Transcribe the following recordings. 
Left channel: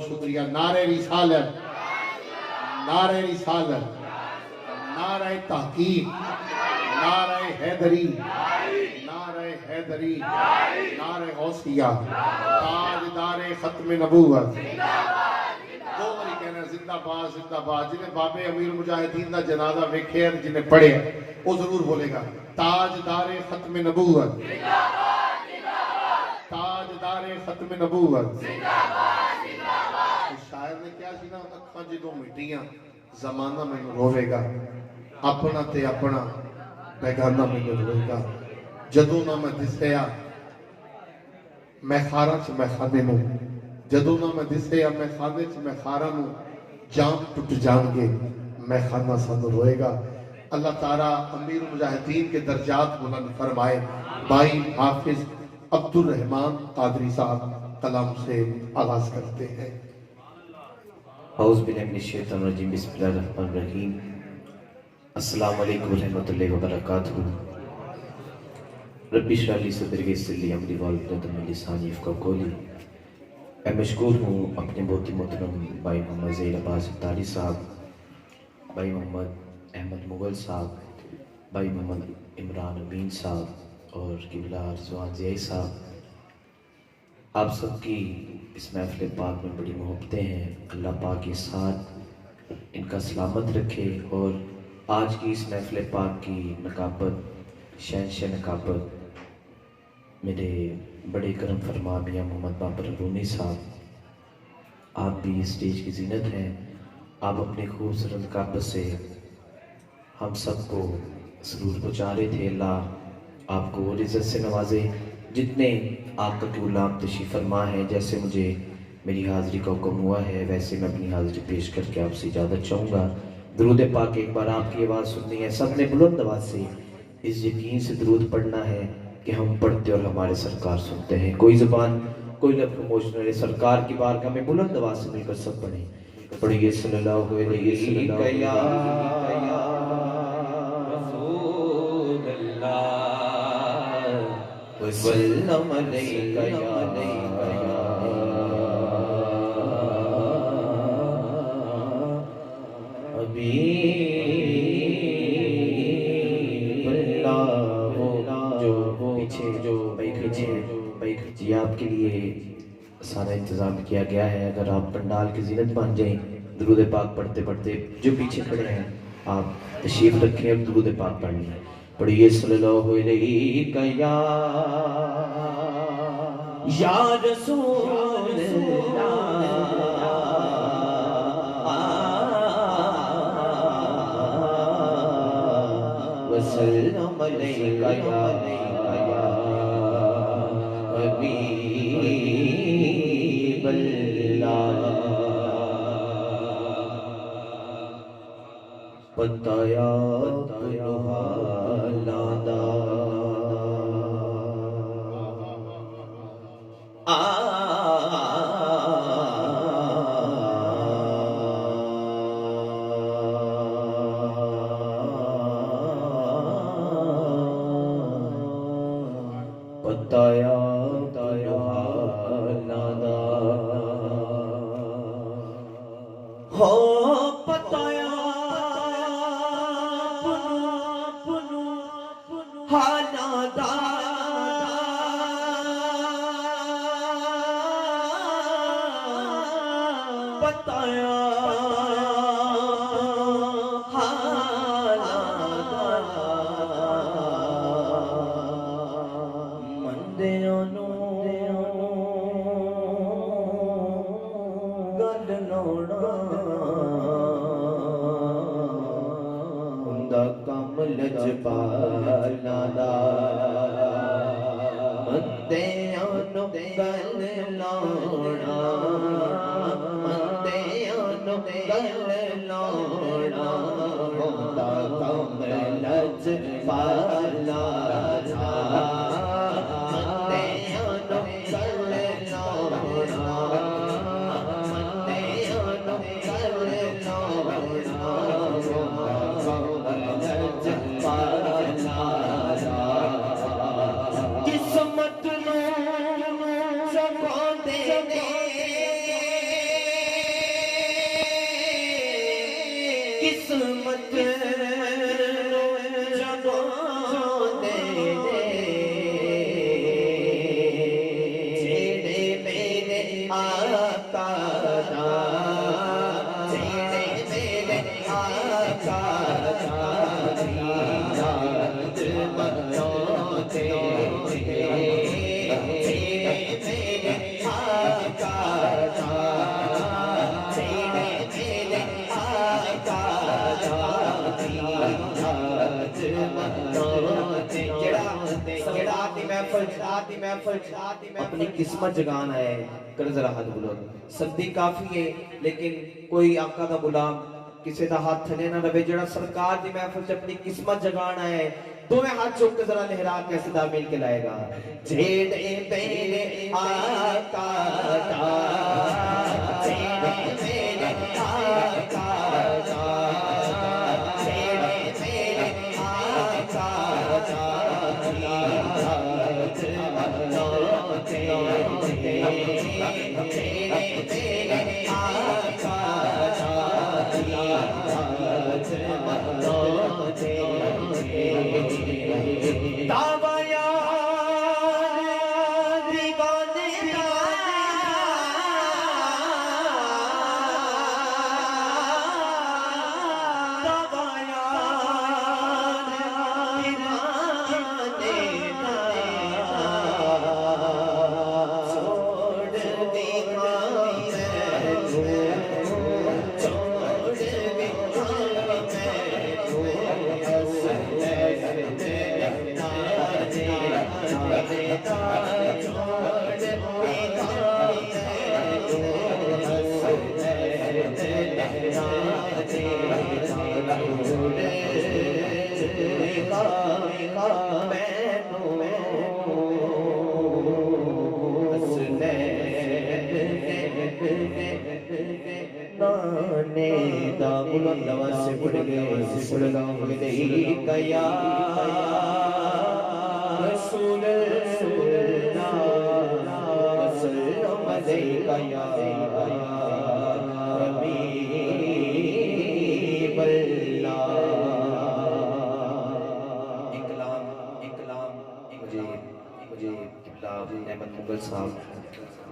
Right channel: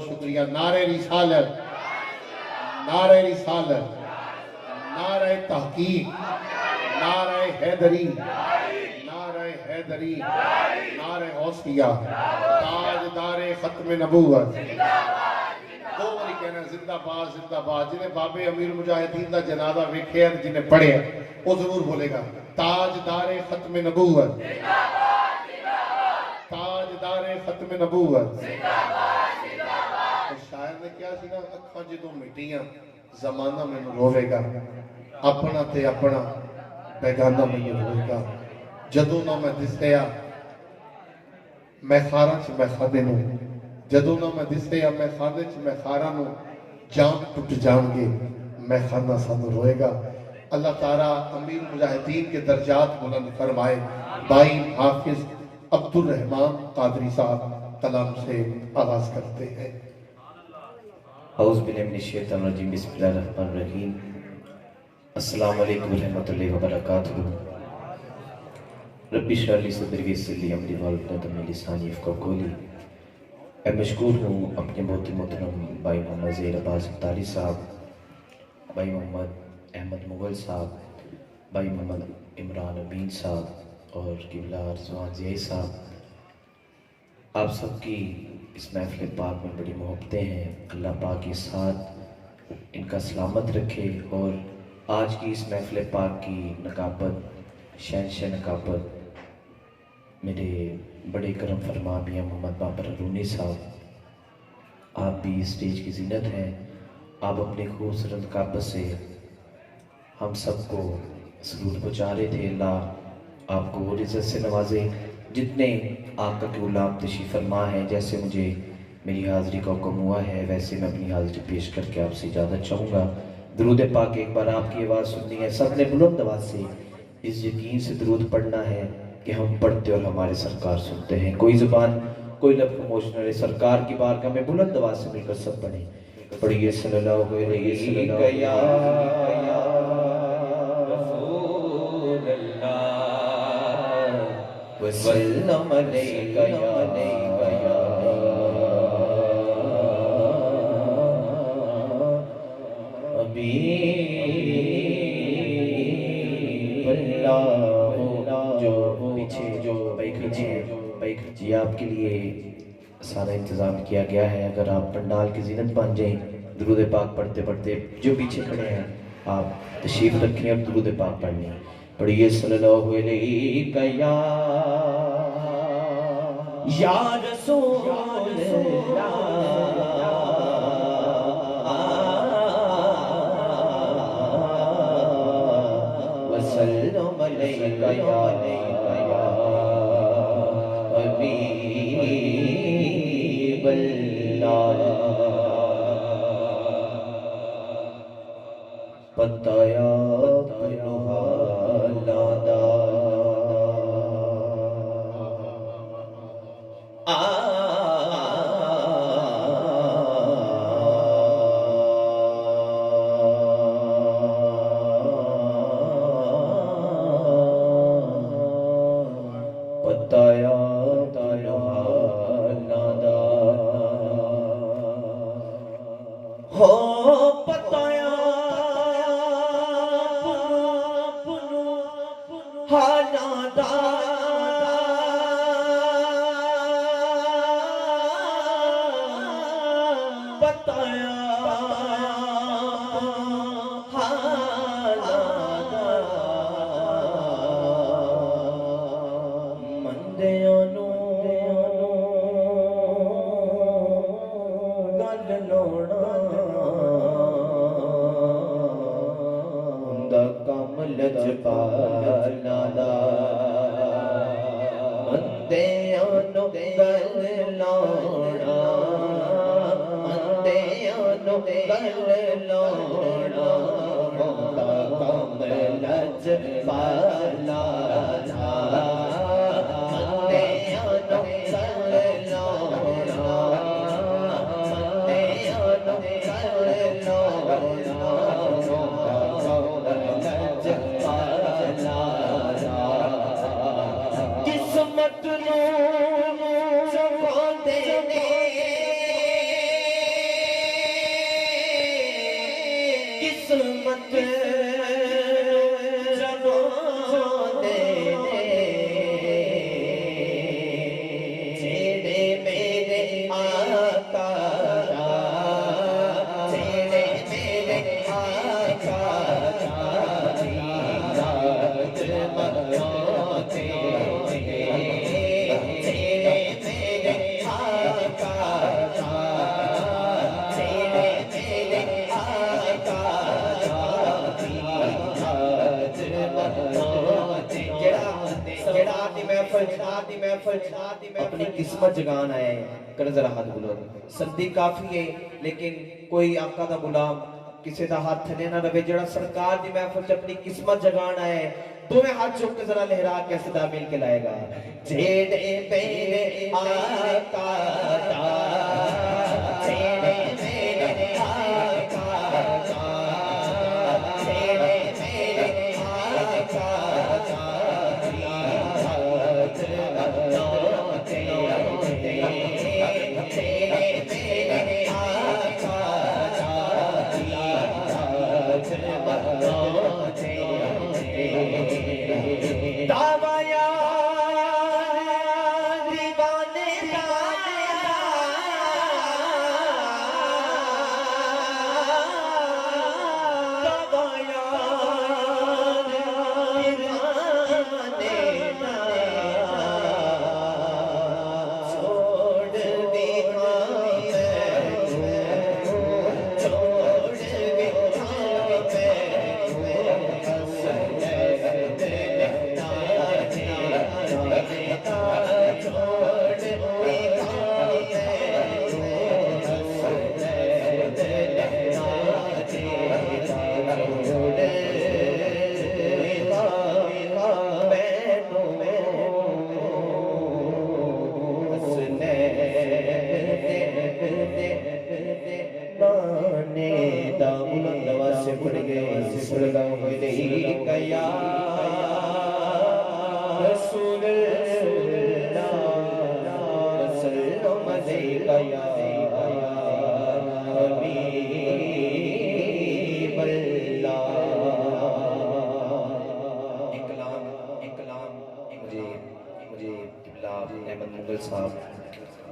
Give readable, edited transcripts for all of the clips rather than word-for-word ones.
बहुत शुक्रिया। नारे रिसालत, नारे रिसालत, नारे तहकीक, नारे हैदरी, नारे हैदरी, नारे गौसिया, ताजदारे खत्म नबूवत। दो बारी कहना जिंदाबाद जिंदाबाद। जिन्हें बाबे अमीर मुजाहिदीन का जनाजा वेख्या, जिन्हें पढ़े वो जरूर बोलेगा ताजदारे खत्म नबूवत, ताजदारे खत्म नबूवत। शायर ने क्या सी ना, अखां जो मिटियां जमाना मैनू रोवेगा, अपना ते अपना बेगाना मैनू रोएगा। जदों ना मैं दिसया मैं खारा च मैं खादे नू, जदों ना मैं दिसया मैं खादे च मैं खारा नू, जान टुट जाएंगे मैं खाना सानू रोएगा। अल्लाह ताला अमीर मुजाहिदीन के दर्जात बुलंद फरमाए। भाई हाफिज अब्दुल रहमान कादरी साहब कलाम से आगाज करते हैं। औज़ु बिल्लाहि मिनश शैतानिर रजीम, बिस्मिल्लाहिर रहमानिर रहीम। अस्सलामु अलैकुम रहमतुल्लाहि व बरकातुहू। रब्बि इश्रह ली सदरी वयस्सिर ली अमरी वहलुल मिन लिसानी यफ़क़हू क़ौली। मैं मशकूर हूँ अपने बहुत ही मोहतरम भाई मोहम्मद ज़हीर अब्बास इफ्तारी साहब, भाई मोहम्मद अहमद मुग़ल साहब, भाई मोहम्मद इमरान अमीन साहब और क़िबला रिज़वान ज़ियाई साहब। आप सबकी इस महफ़िल पाक में बड़ी मोहब्बतें हैं। अल्लाह पाक के साथ इनका सलामत रखे और आज की इस महफ़िल पाक की नकाबत, शहंशाह नकाबत मेरे बड़े करम फरमा मियाँ मोहम्मद बाबर रूनी साहब, आप भी स्टेज की जीनत हैं। आप अपनी खूबसूरत नकाबत से हम सबको सुरूर पहुँचा रहे थे। अल्लाह आपको और इज़्ज़त से नवाजे। जितने आपका गुलाम तशरीफ़ फरमा है, जैसे मुझे मेरी हाज़िरी का हुक्म हुआ है वैसे मैं अपनी हाज़िरी पेश करके आपसे इजाज़त चाहूँगा। दुरूद पाक एक बार आपकी आवाज़ सुननी है, सब ने बुलंद आवाज़ से इस यकीन से दुरूद पढ़ना है कि हम पढ़ते और हमारे सरकार सुनते हैं। कोई ज़ुबान कोई लफ्ज़ खामोश न रहे। सरकार की बारगाह में बुलंद आवाज़ से मिलकर सब पढ़ें। पढ़िए सल्लल्लाहु अलैहि वसल्लम अलैका या जी आपके लिए सारा इंतज़ाम किया गया है। अगर आप पंडाल की जीनत बन जाएं, दुरूद पाक पढ़ते पढ़ते जो पीछे खड़े हैं आप तशरीफ़ रखें और दुरूद पाक पढ़नी। पढ़िए सल्लल्लाहु अलैहि या रसूल वसल्लम अलैका या बताया किस्मत जमाने जेड़े मेरे आका दा जेड़े मेरे आका दा याद मनाते जेड़े मेरे आका दा जेड़े मेरे आका दा याद मनाते अपनी किस्मत जगान आया है। कर जरा हाथ बुलंद। सर्दी काफी है लेकिन कोई आका दा गुलाम किसी दा हाथ थले ना रवे जड़ा सरकार दी महफिल च अपनी किस्मत जगान आया है। दोवें हाथ चुक के जरा लहरा के सदा मिल के लाएगा। जेड़े मेरे आका दा जेड़े मेरे आका दा जेड़े मेरे आका दा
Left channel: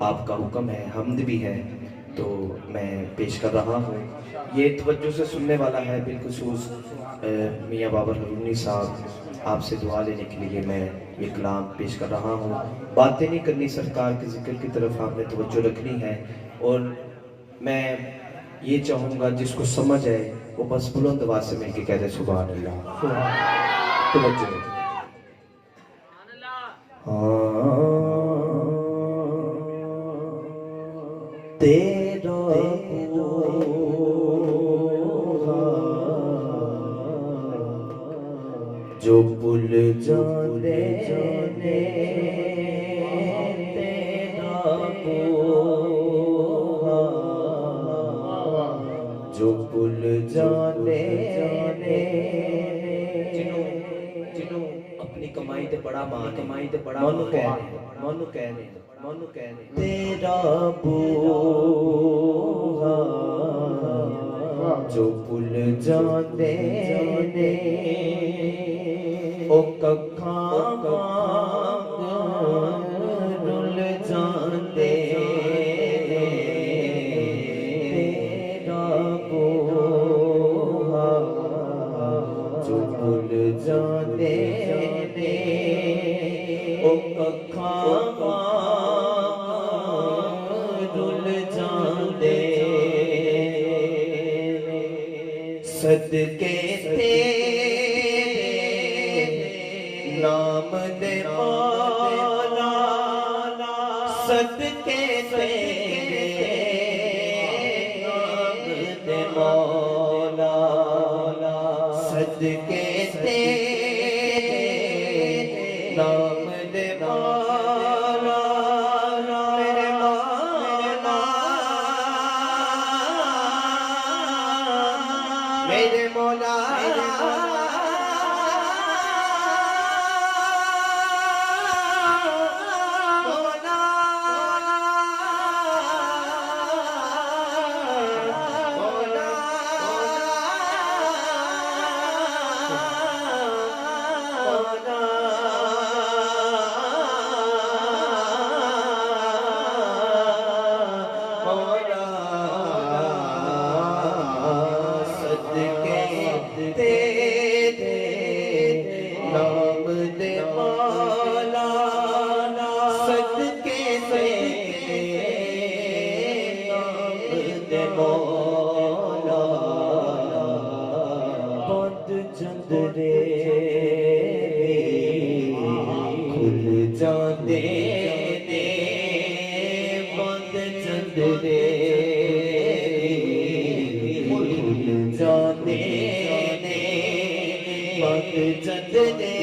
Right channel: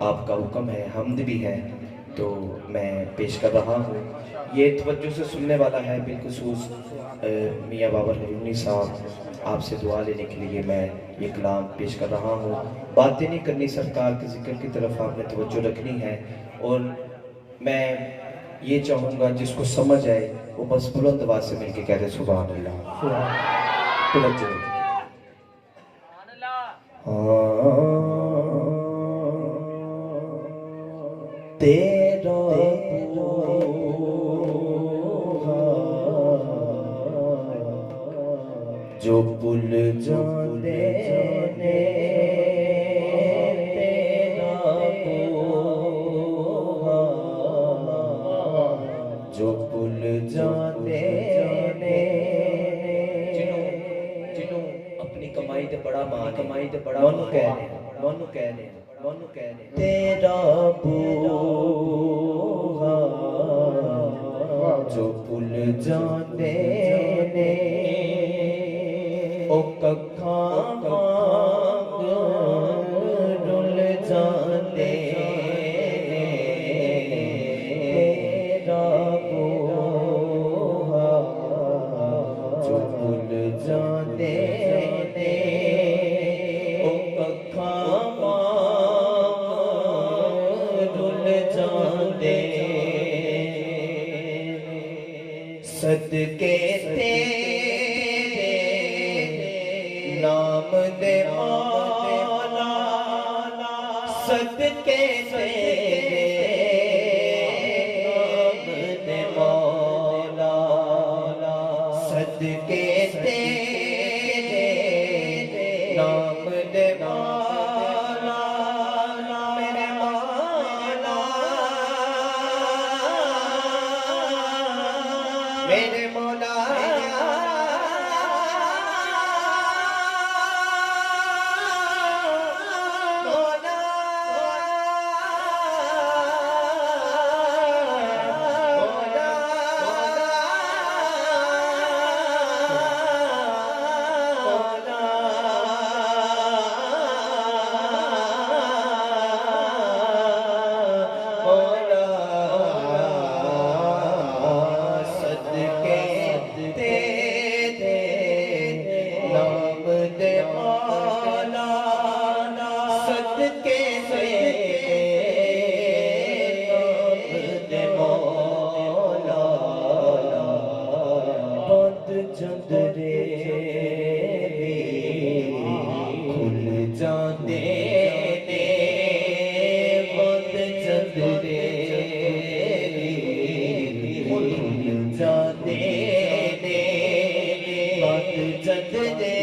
आपका हुक्म है, हम्द भी है तो मैं पेश कर रहा हूँ। ये तवज्जो से सुनने वाला है बिलखुसूस मियाँ बाबर हरूनी साहब आपसे दुआ लेने के लिए मैं ये कलाम पेश कर रहा हूँ। बातें नहीं करनी, सरकार के जिक्र की तरफ आपने तवज्जो रखनी है और मैं ये चाहूँगा जिसको समझ आए वो बस बुलंद आवाज़ से मिलके कह दे सुभान अल्लाह। तवज्जो। तेरा जो पुल जाने ने तेरा जो पुल जाने ने जिन्हों अपनी कमाई ते बड़ा मान मनु कहने तेरा बूहा जो पुल जाने ने ओ कखा रुल जाने तेरा बूहा जो पुल जाने ने ओ कखा सदके तेरे नाम दे मौला सदके तेरे नाम दे मौला सदके तेरे नाम दे मौला मेरे मौला मेरे मौला जदने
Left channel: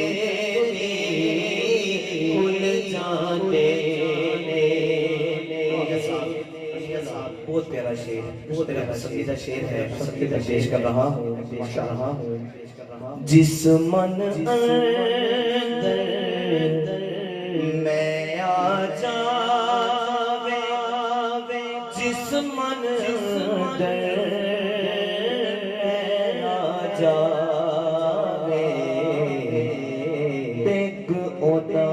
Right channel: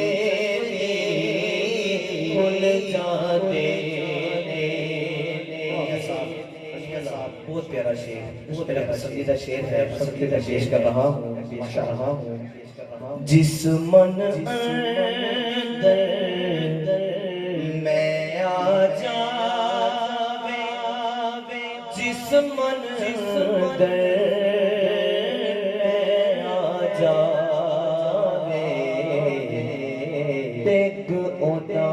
खुल जाते बहुत प्यारा शेर, बहुत प्यारा पसंदीदा शेर है, पसंदीदा पेश कर रहा हूँ, जिस मन अंदर मैं आ जावे, जिस मन अंदर मैं आ जावे, देख ओदा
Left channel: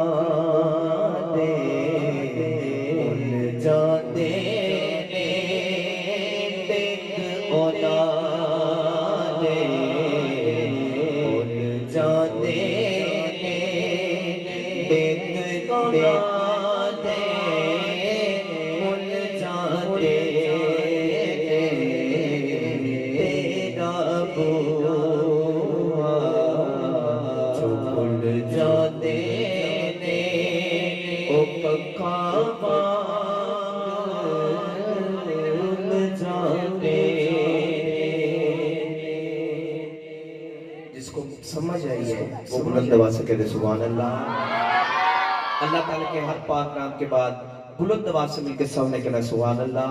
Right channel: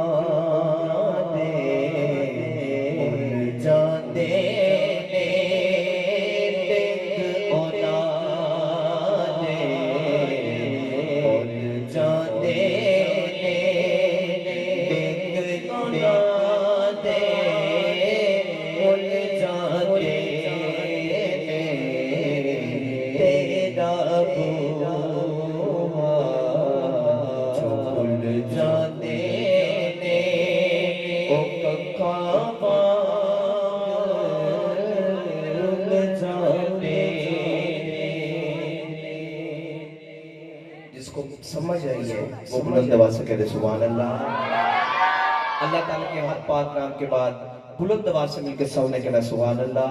दे भूल जाते जिसको समझ आई है वो बुलंद आवाज से कहते सुभान अल्लाह। अल्लाह ताला के हर पाक नाम के बाद बुलंद आवाज से मिलकर सबने कहना सुभान अल्लाह।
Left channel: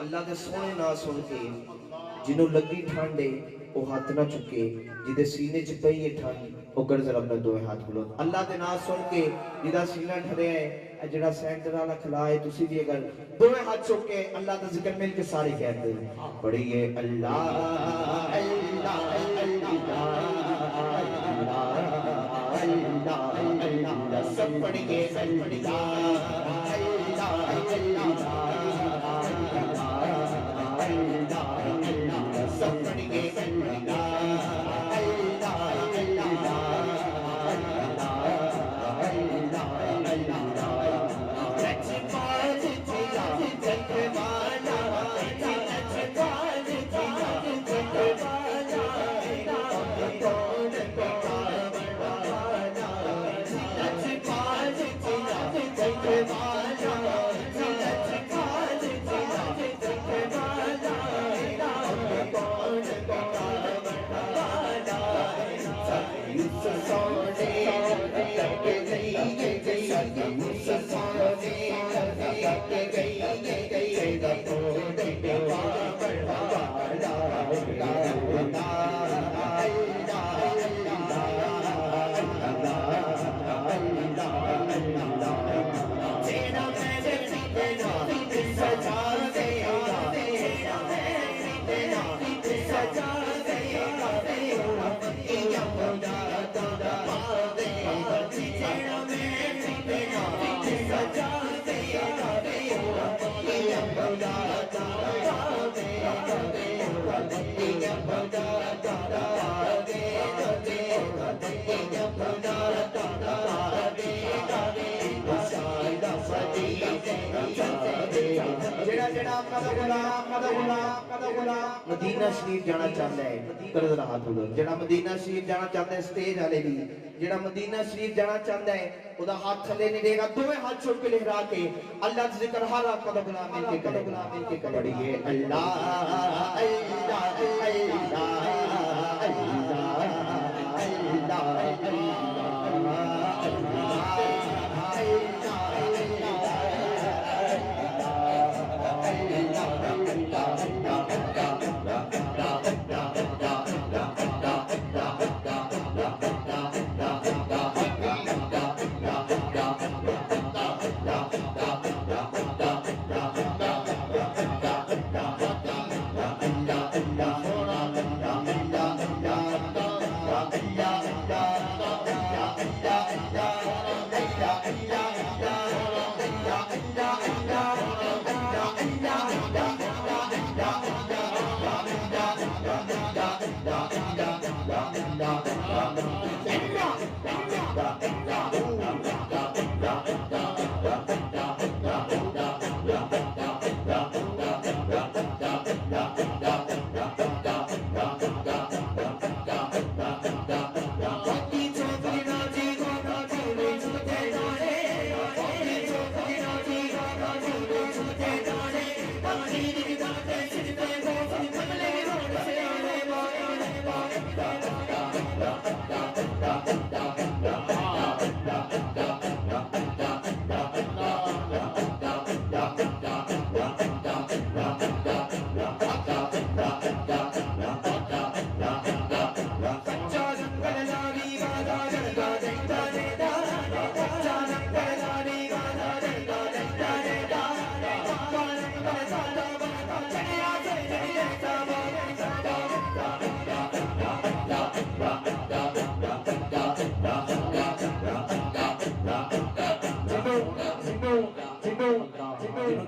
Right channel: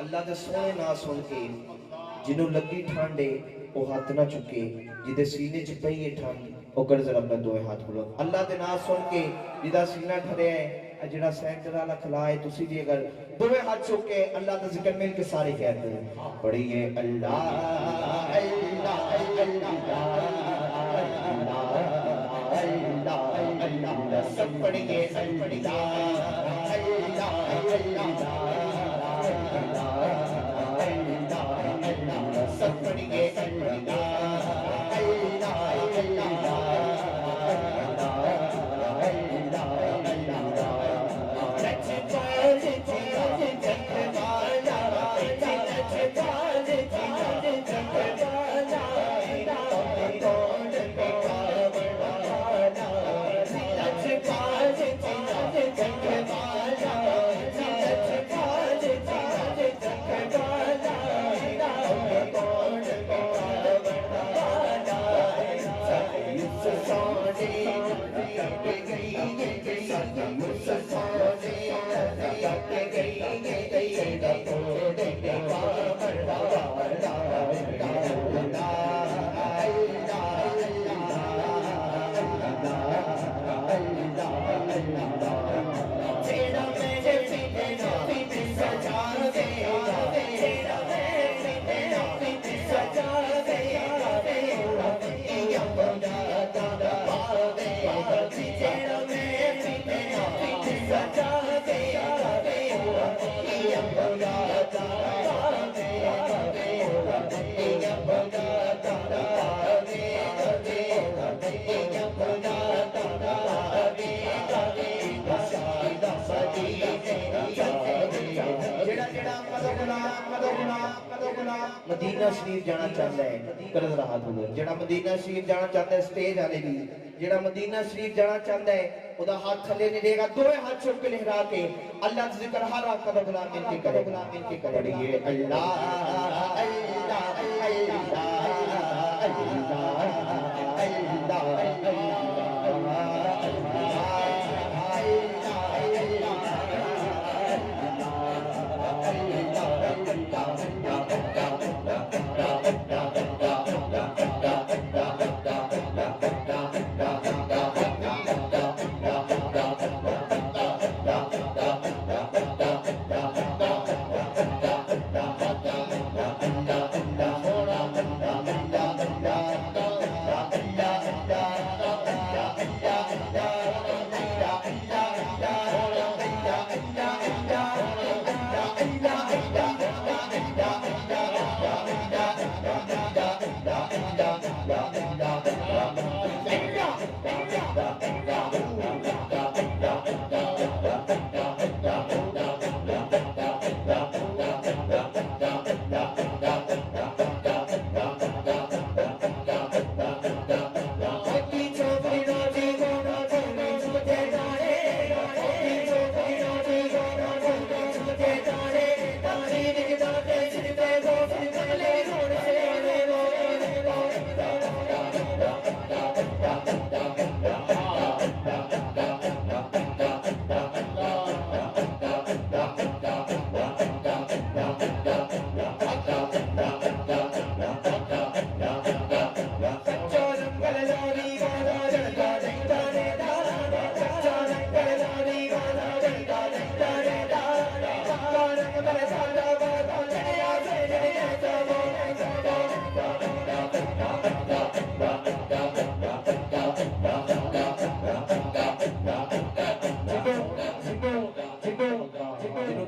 अल्लाह दे सोने ना सुन के जिन्हों लगी ठंडे वो हाथ ना चुके जिदे सीने च पई है ठंड वो कर जरा अपने दो हाथ बुलंद अल्लाह दे नाम सुन के जिदा सीना ठरिया है जेड़ा सेंटर वाला खला है तुसी भी अगर दोवे हाथ चुक के अल्लाह दा जिक्र मिल के सारे कहते हैं पढ़िए अल्लाह अल्लाह अल्लाह अल्लाह सब पढ़िए अल्लाह मदीना शरीफ जाना चाहता है करद रहा बोलो जेड़ा मदीना शरीफ जाना चाहता है स्टेज वाले भी जेड़ा मदीना शरीफ जाना चाहता है ओदा हाथ थले नहीं देगा दोए हाथ चुक के लहरा के अल्लाह का जिक्र हर आका दा गुलाम मिल के करेंगे अल्लाह अल्लाह अल्लाह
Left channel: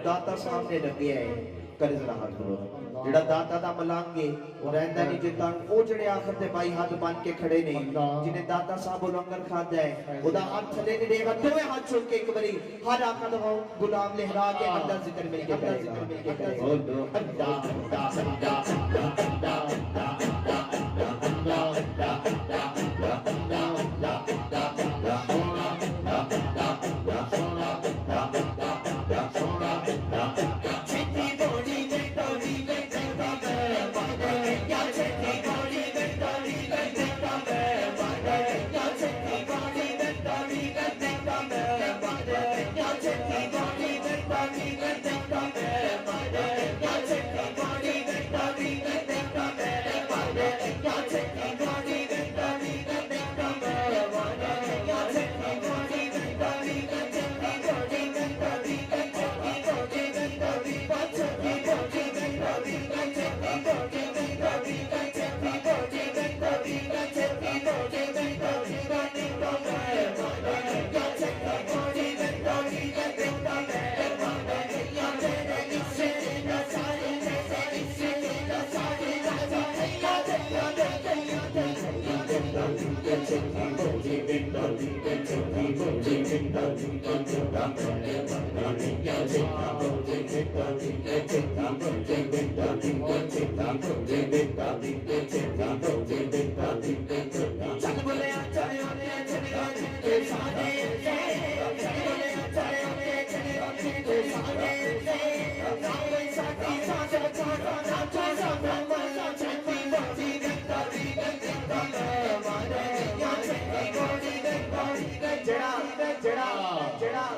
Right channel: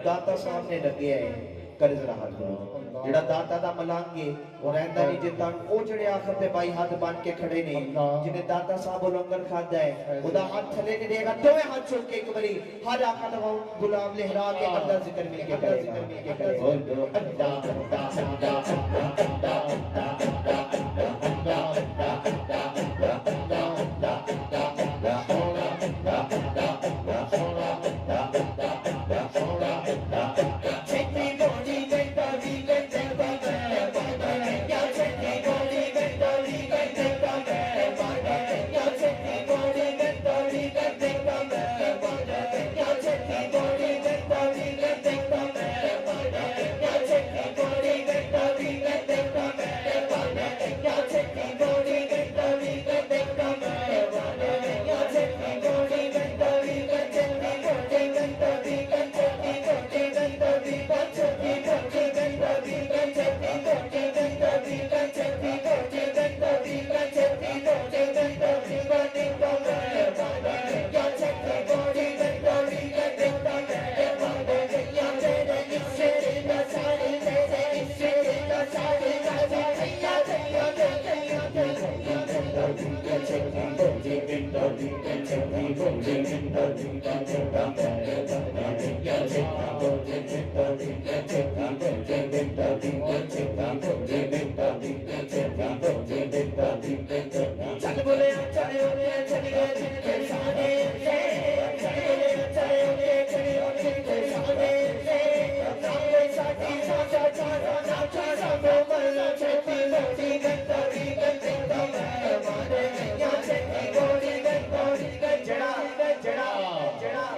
दाता सामने लगे है करे जरा हाथ करो जेड़ा दाता दा मलांगे और रहंदा नहीं जे तन ओ जेड़े आखिर ते भाई हाथ बन के खड़े ने जिन्हें दाता साहब लंगर खादा है ओदा हाथ थले नहीं देगा दोए हाथ चुक के एक बारी हर आका दवाओ गुलाम लहरा के अल्लाह जिक्र मिल के करेगा बोलो अल्लाह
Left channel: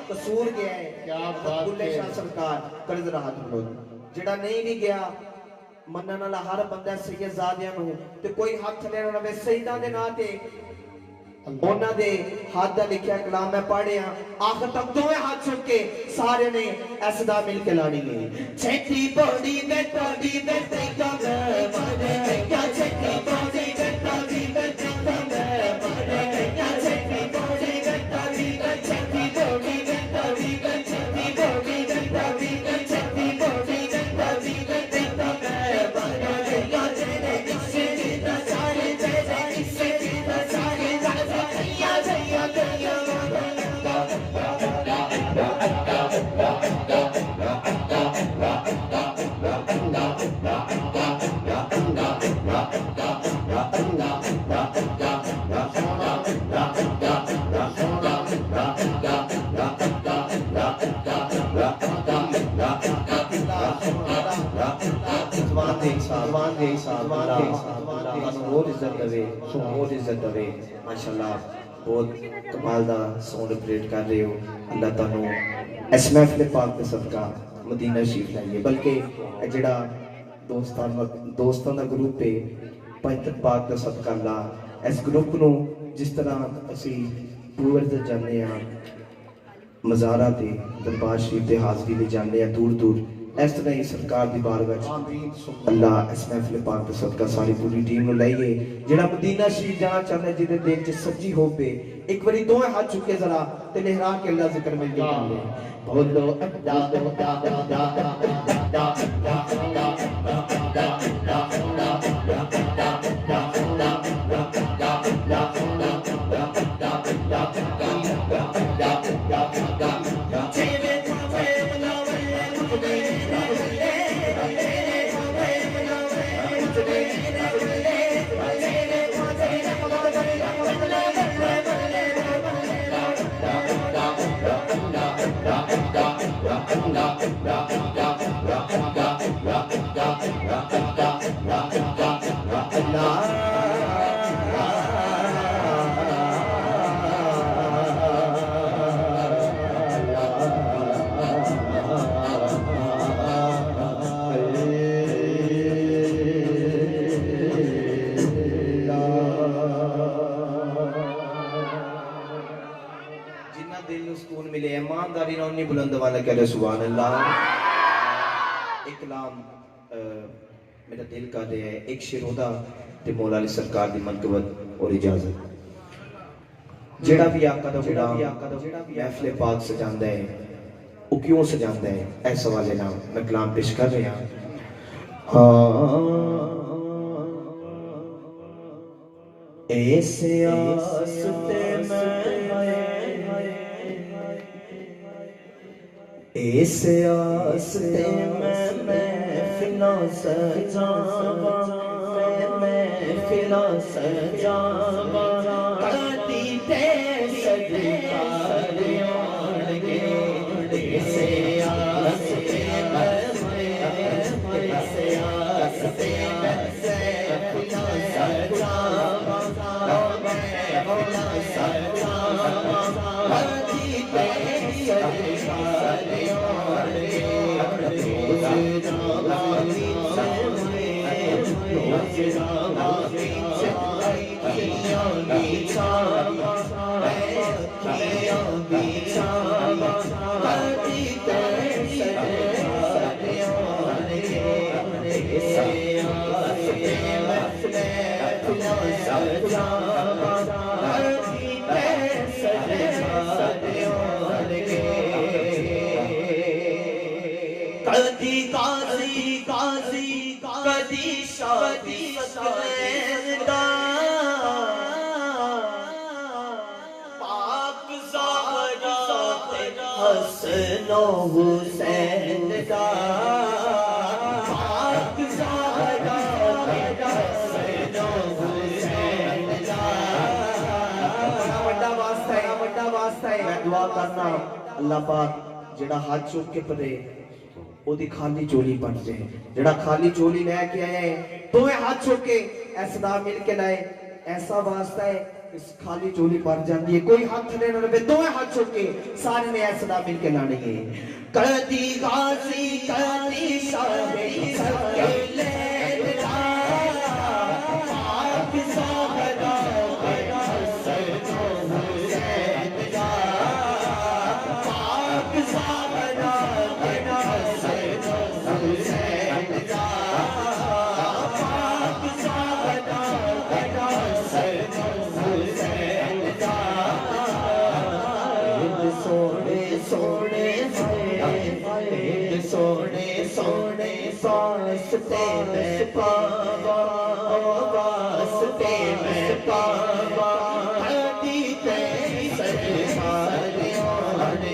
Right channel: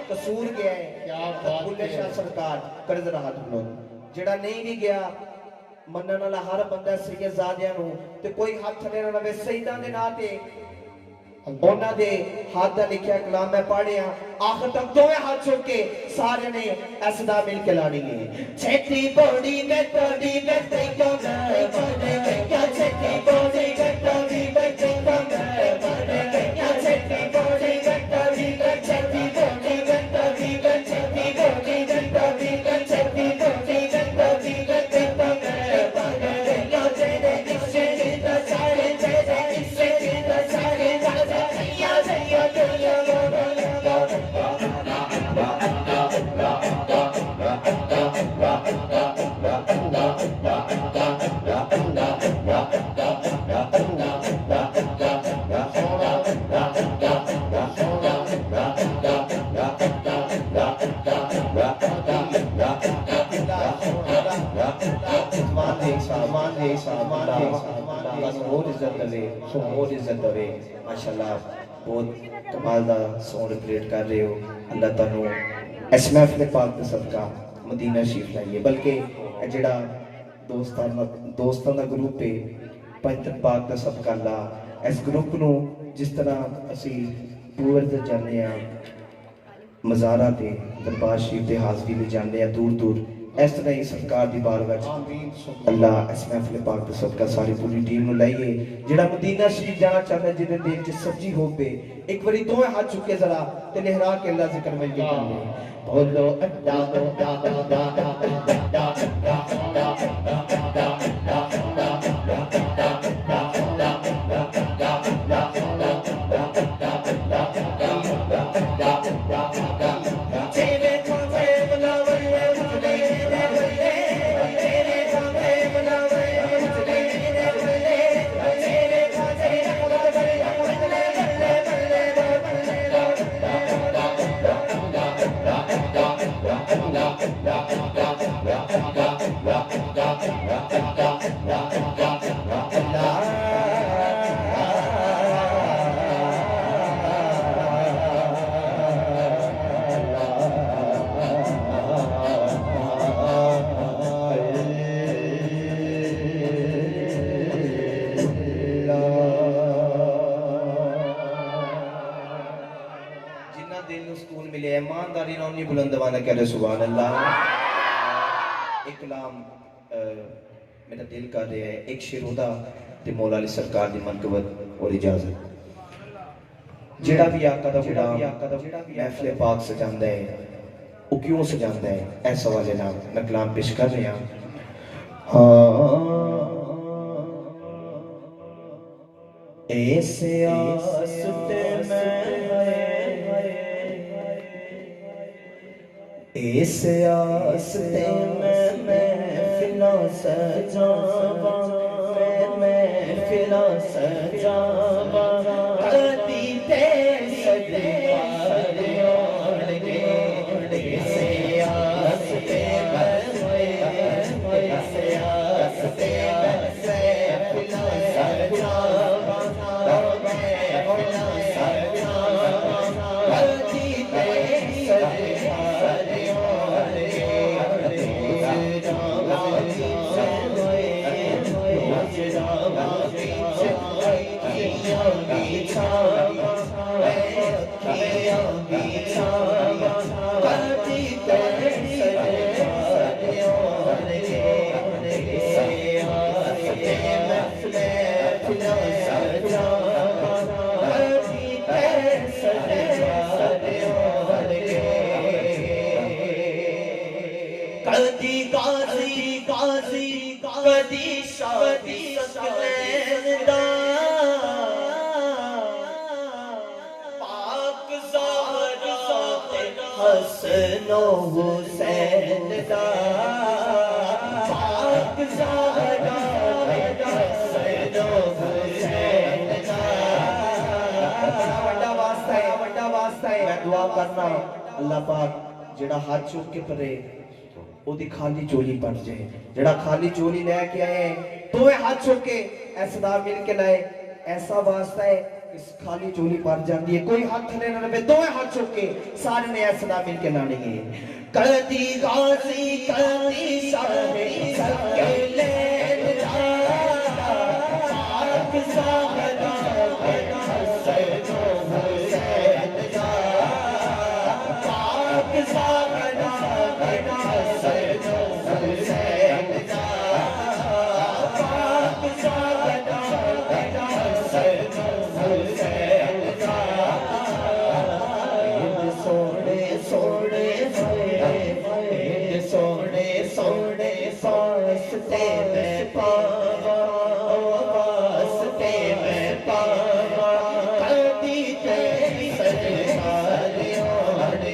कसूर गया है बुल्ले शाह सरकार कर्ज रहा जेड़ा नहीं भी गया मनन वाला हर बंदा सैयदजादियां नु ते कोई हाथ थले ना रवे सईदा दे नाम ते ਉਹਨਾਂ ਦੇ ਹੱਥ ਦਾ ਲਿਖਿਆ ਕਲਾਮ ਮੈਂ ਪੜਿਆ ਆਖਰ ਤੱਕ ਦੋਵੇਂ ਹੱਥ ਚੁੱਕ ਕੇ ਸਾਰਿਆਂ ਨੇ ਇਸ ਦਾ ਮਿਲ ਕੇ ਲਾਣੀ ਹੈ ਛੇਤੀ ਬੋੜੀ ਮੈਂ ਤੋੜੀ ਮੈਂ ਤੈਨੂੰ ਬਣੇ ਕਿਆ ਛੇਤੀ ਬੋੜੀ ਮੈਂ ਤੋੜੀ ਮੈਂ ਤੈਨੂੰ ਬਣੇ ਕਿਆ ਛੇਤੀ ਬੋੜੀ ਮੈਂ ਤੋੜੀ ਮੈਂ ਛੇਤੀ ਬੋੜੀ ਮੈਂ ਤੋੜੀ ਮੈਂ ਛੇਤੀ ਬੋੜੀ ਮੈਂ ਤੋੜੀ ਮੈਂ ਛੇਤੀ ਬੋੜੀ ਮੈਂ ਤੋੜੀ ਮੈਂ ਤੈਨੂੰ ਬਣੇ ਕਿਆ ਜਿਹੜੇ ਕਿਸੇ ਦਾ ਸਾਰੇ ਜਿਹੜੇ ਕਿਸੇ ਦਾ ਸਾਰੇ बहुत इज्जत दवे माशाल्लाह बहुत कमाल दा साउंड ऑपरेट कर रहे हो अल्लाह तुहानू इस महफिल पाक दे सदका मदीना शरीफ लाइए बल्कि जिहड़ा दोस्तां दा ग्रुप है पंजतन पाक दा सदका अल्लाह इस ग्रुप नू जिस तरह असी पूरे ते जाने आ मज़ारा ते दरबार शरीफ ते हाज़री ले जाने आ दूर दूर इस तरह ही सरकार दी बारगाह च अल्लाह इस महफिल पाक दा सदका सारी पूरी टीम नू लाइए जेड़ा मदीना शरीफ जाना चाहता है जिहदे दिल च सच्ची होप है एक बारी दोवें हाथ चुके जरा ते लहरा के अल्लाह जिक्र मिलके कर ले बोलो अड्डा अड्डा अड्डा ईमानदारी ना उन्नी बुलंद वाला कह रहे सुभान अल्लाह एक कलाम मेरा दिल कर रहा है एक शिरोदा ते मौला अली सरकार दी मनकबत और इजाजत जेड़ा भी आका दा गुलाम महफिल पाक सजांदा है वो क्यों सजांदा है इस हवाले नाल मैं कलाम पेश कर रहा हां ऐस आसते मैं इस आस्ते महफिलां सजावा महफिलां सजावा कदी ते सजदारियों लगे इस आस्ते महफिलां सजावा महफिलां सजावा कदी ते कदी गाजी गाजी कदी शादी सकलैंदा पाक ज़हरा ते हसन हुसैन दा पाक ज़हरा ते हसन हुसैन दा बड़ा वास्ता है मैं दुआ करना अल्लाह पाक जेड़ा हाथ चुक के परे ओदी खाली झोली बन जाए जेड़ा खाली झोली लेके आए दोवे हाथ चुक के ऐसा मिल के लाए ऐसा वास्ता है इस खाली झोली भर जाती है कोई हाथ थले ना रहे दोवे हाथ चुक के सारे ने ऐसा मिल के लानी है कदी गाजी कदी सारे सकले वास्ते में पावा वास्ते में पावा कदी ते सरकारियों ने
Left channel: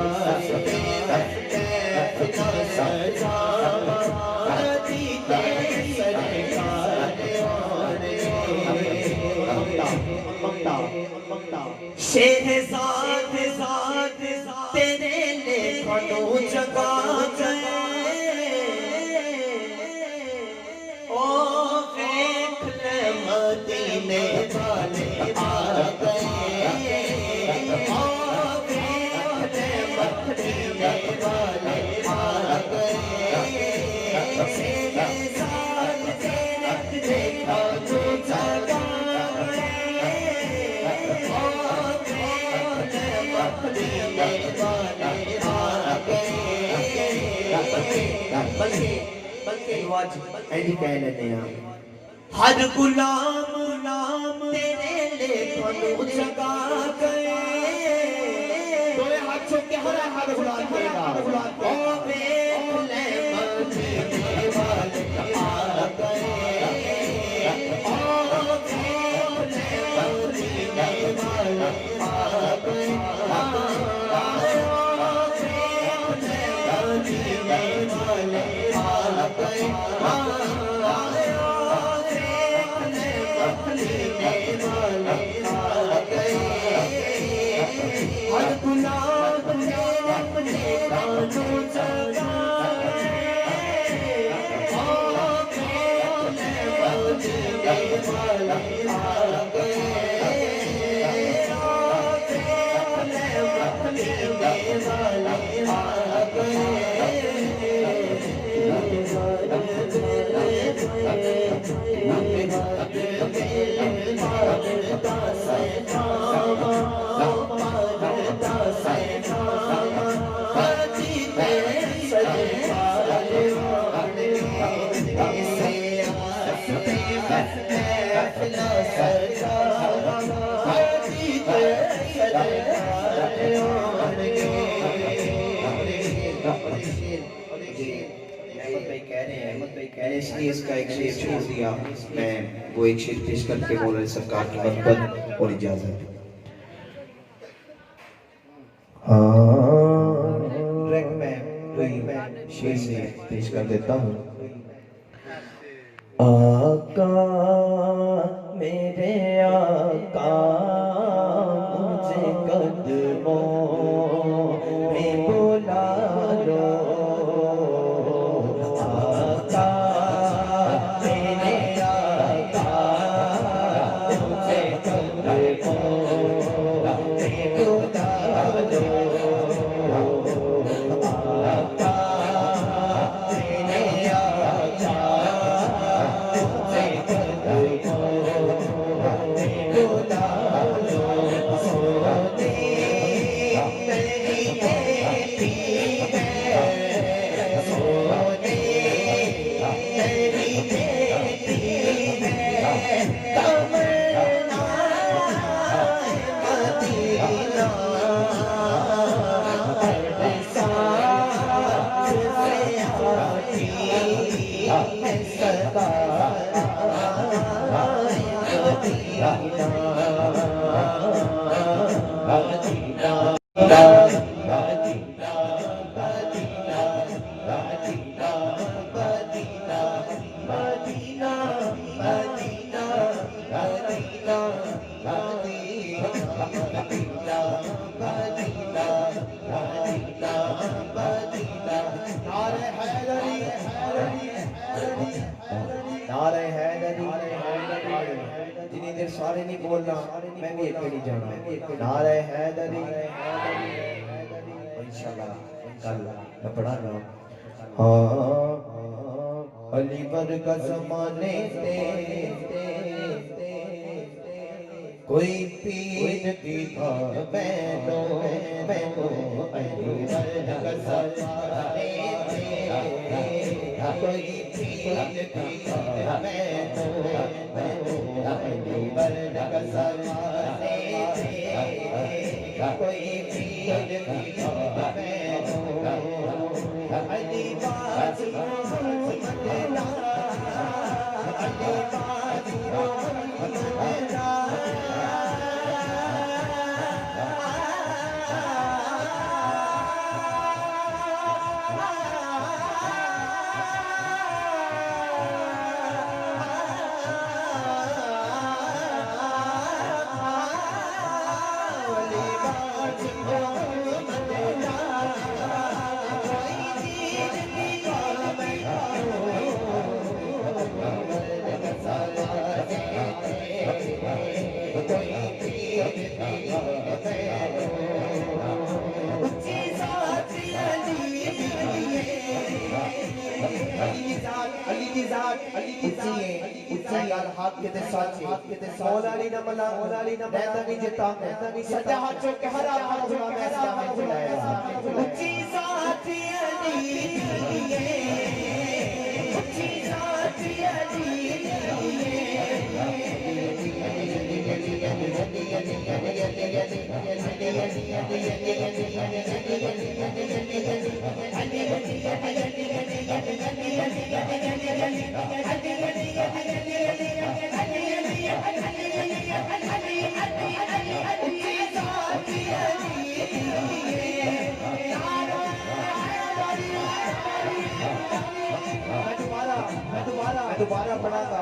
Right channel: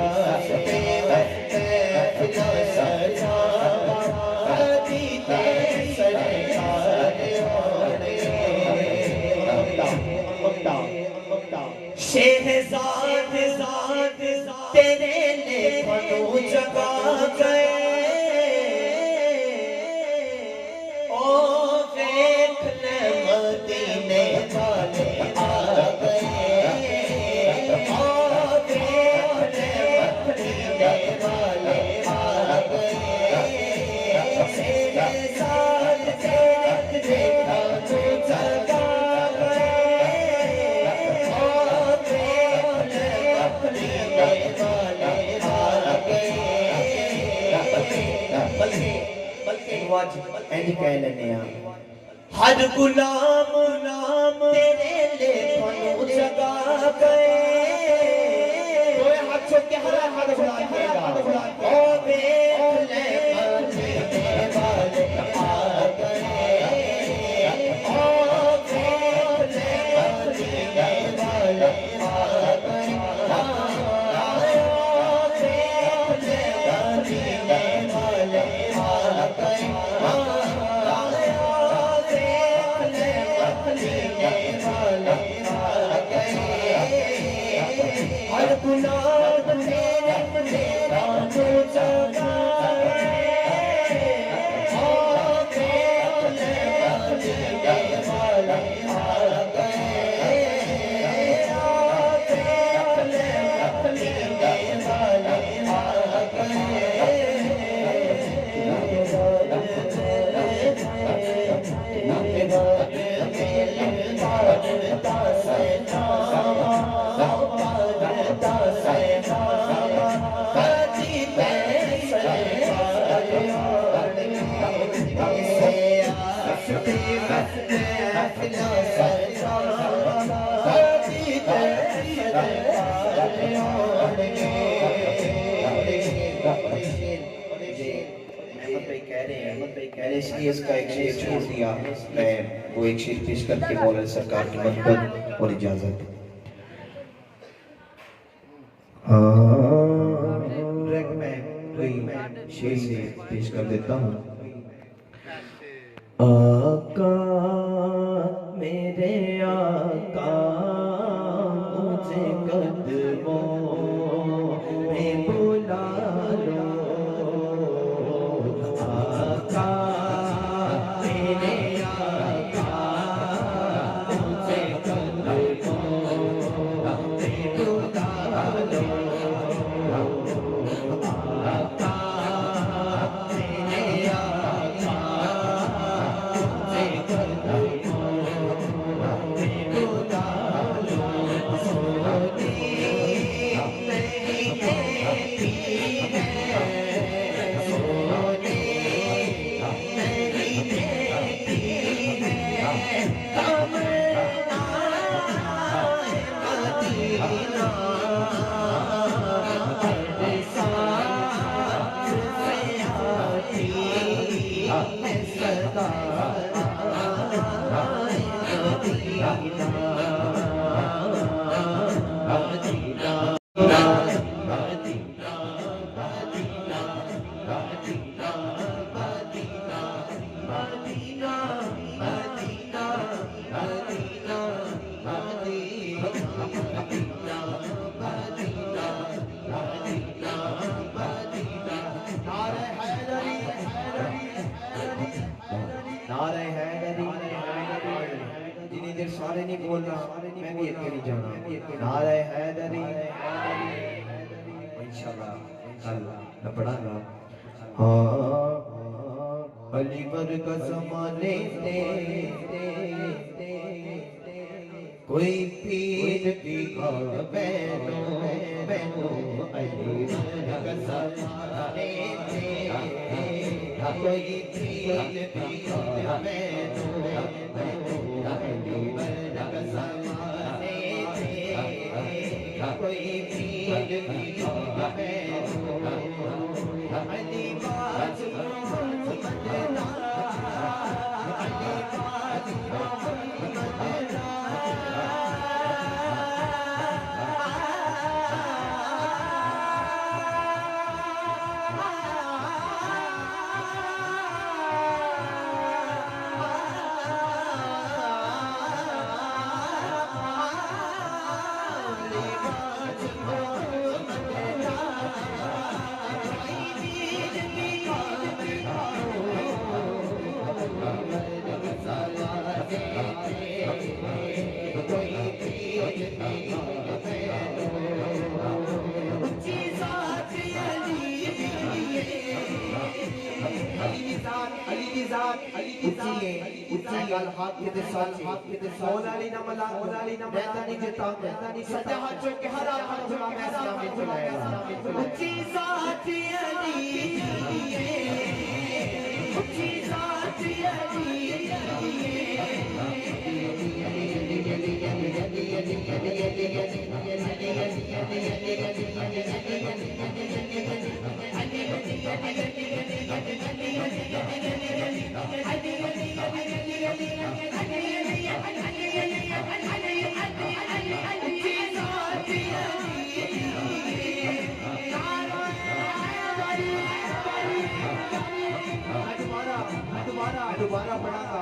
आस्ते में सजावा बल्कि आज इंज कह लेने हर गुलाम नाम तेरे लेखों जगा गए तोए हाथों के हर गुलाम तेरा ओ देख ले मदीने वाले आ गए ओ देख ले मदीने वाले आ गए इसलिए इसका एक शेर छोड़ दिया मैं वो एक शेर पेश करके मौलाना सरकार की मदद और इजाजत ट्रैक में शेर से पेश कर देता हूँ आका मेरे आका मुझे कदमों में बुला लो सारे नहीं बोलना मैं भी अकेली जाना नारे हैदरी इंशाल्लाह मैं पढ़ाऊंगा हाँ अली वर्गा ज़माने से कोई पीर दिखा मैनो अली वर्गा ज़माने से कोई पीर दिखा मैनो कोई पीर दिखा अली बात दोबारा पढ़ागा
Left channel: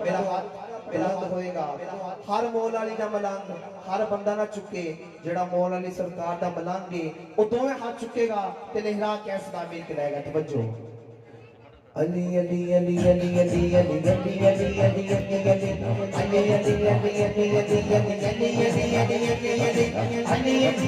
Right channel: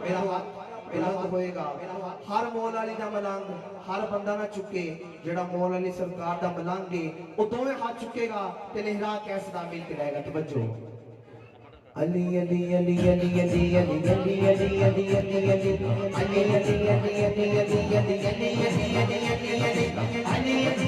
मेरा हाथ होएगा हर मौल वाली का मलंग हर बंदा ना चुके जेड़ा मौल वाली सरकार दा मलंग है वो दोवें हाथ चुकेगा ते लहरा के सदा मिल के रहेगा तवज्जो अली अली अली अली अली अली अली अली अली अली अली अली अली अली अली अली अली अली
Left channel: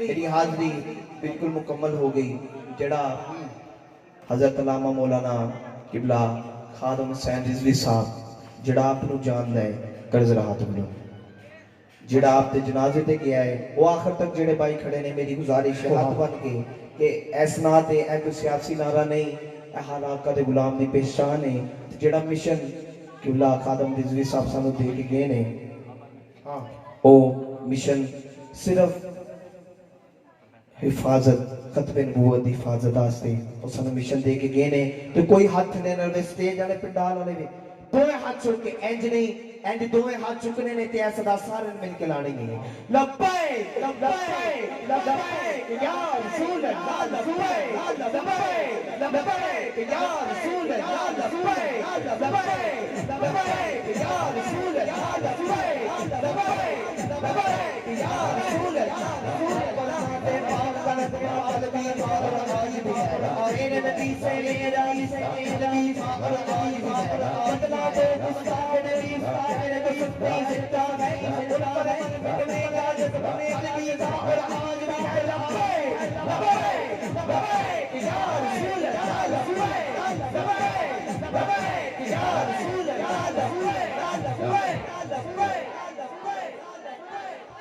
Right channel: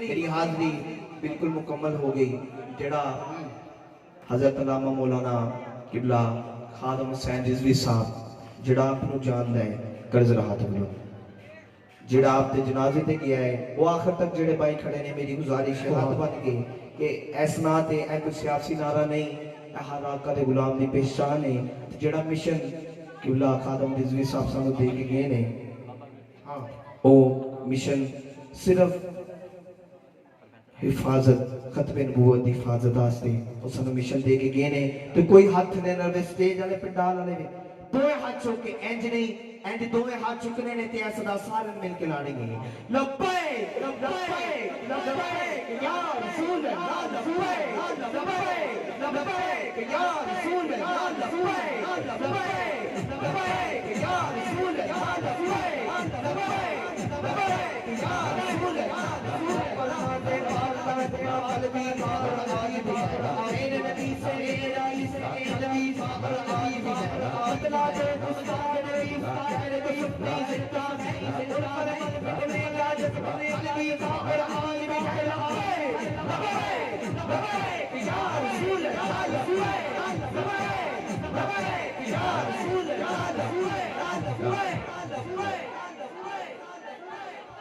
मेरी हाजरी बिल्कुल मुकम्मल हो गई जड़ा हजरत अल्लामा मौलाना किबला खादम हुसैन रिजवी साहब जड़ा आपनु जानदा है कर्ज राहत हो जड़ा आप दे जनाजे ते गया है वो आखिर तक जेड़े भाई खड़े ने मेरी गुजारिश है हाथ बन के कि इस ना ते ए कोई सियासी नारा नहीं ए हर आका दे गुलाम दी पहचान है जेड़ा मिशन किबला खादम रिजवी साहब सानू दे के गए ने हां ओ मिशन सिर्फ हिफाजत खतबे नबूवत दी हिफाजत वास्ते उस मिशन दे के गए ने ते कोई हाथ ने नरवे स्टेज वाले पंडाल वाले ने दोए हाथ चुक के इंज नहीं एंड दोए हाथ चुकने ने ते ऐसा दा सारे मिल के लाने है लब्बैक लब्बैक लब्बैक या रसूल अल्लाह लब्बैक लब्बैक लब्बैक या रसूल अल्लाह लब्बैक लब्बैक लब्बैक या रसूल अल्लाह लब्बैक लब्बैक लब्बैक या रसूल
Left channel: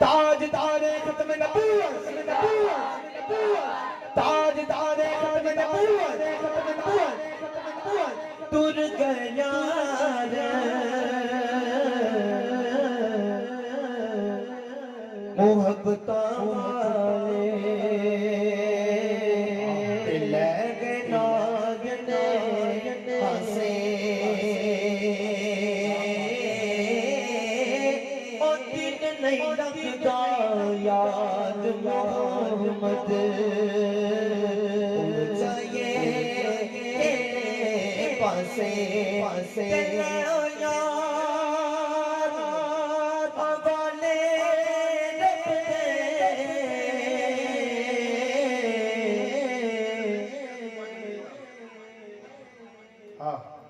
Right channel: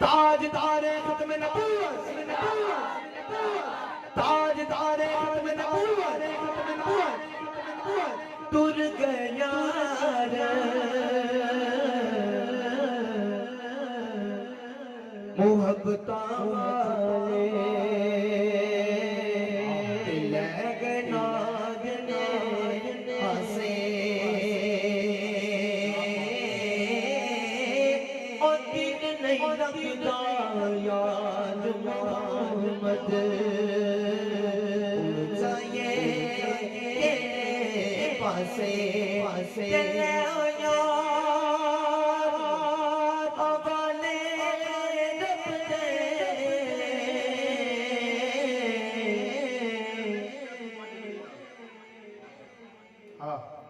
ताज तारे खत्म नबूवत ताज तारे खत्म नबूवत तुर गया मोहब्बता वाले ले गए नागने हंसे और दिन नहीं लगता याद मोहम्मद पासे पासे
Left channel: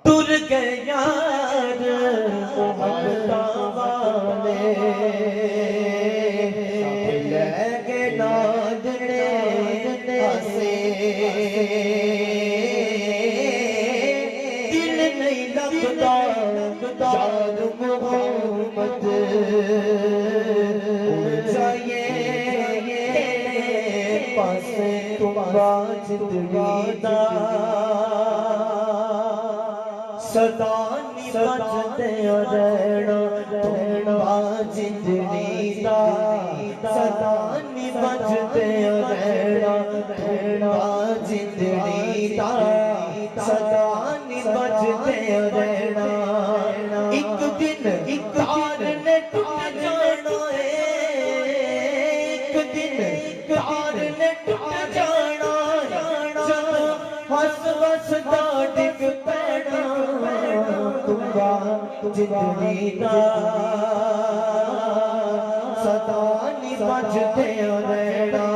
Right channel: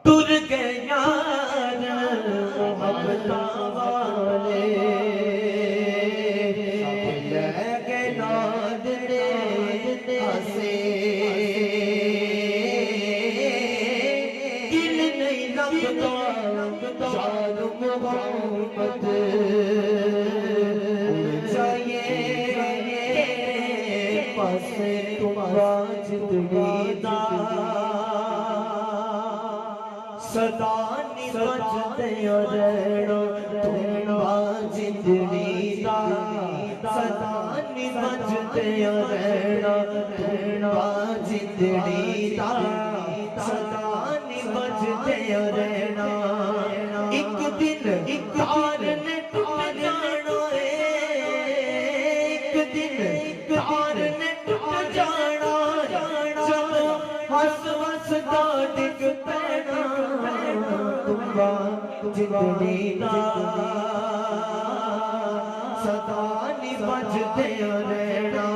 तुर गए यार मोहब्बता वाले लगे नादने हंसे दिल नहीं लगता याद मोहब्बत चाहिए पासे तुम्हारा जिंदगी दा सदा बचते रहना जिंदगी दा सदा बचते रहना जिंदगी दा सदा एक दिन तार ने टूट जाना जदों हस वसदा डिग पैना तुंबा जिंदड़ी दा सदा नी बजदे रहना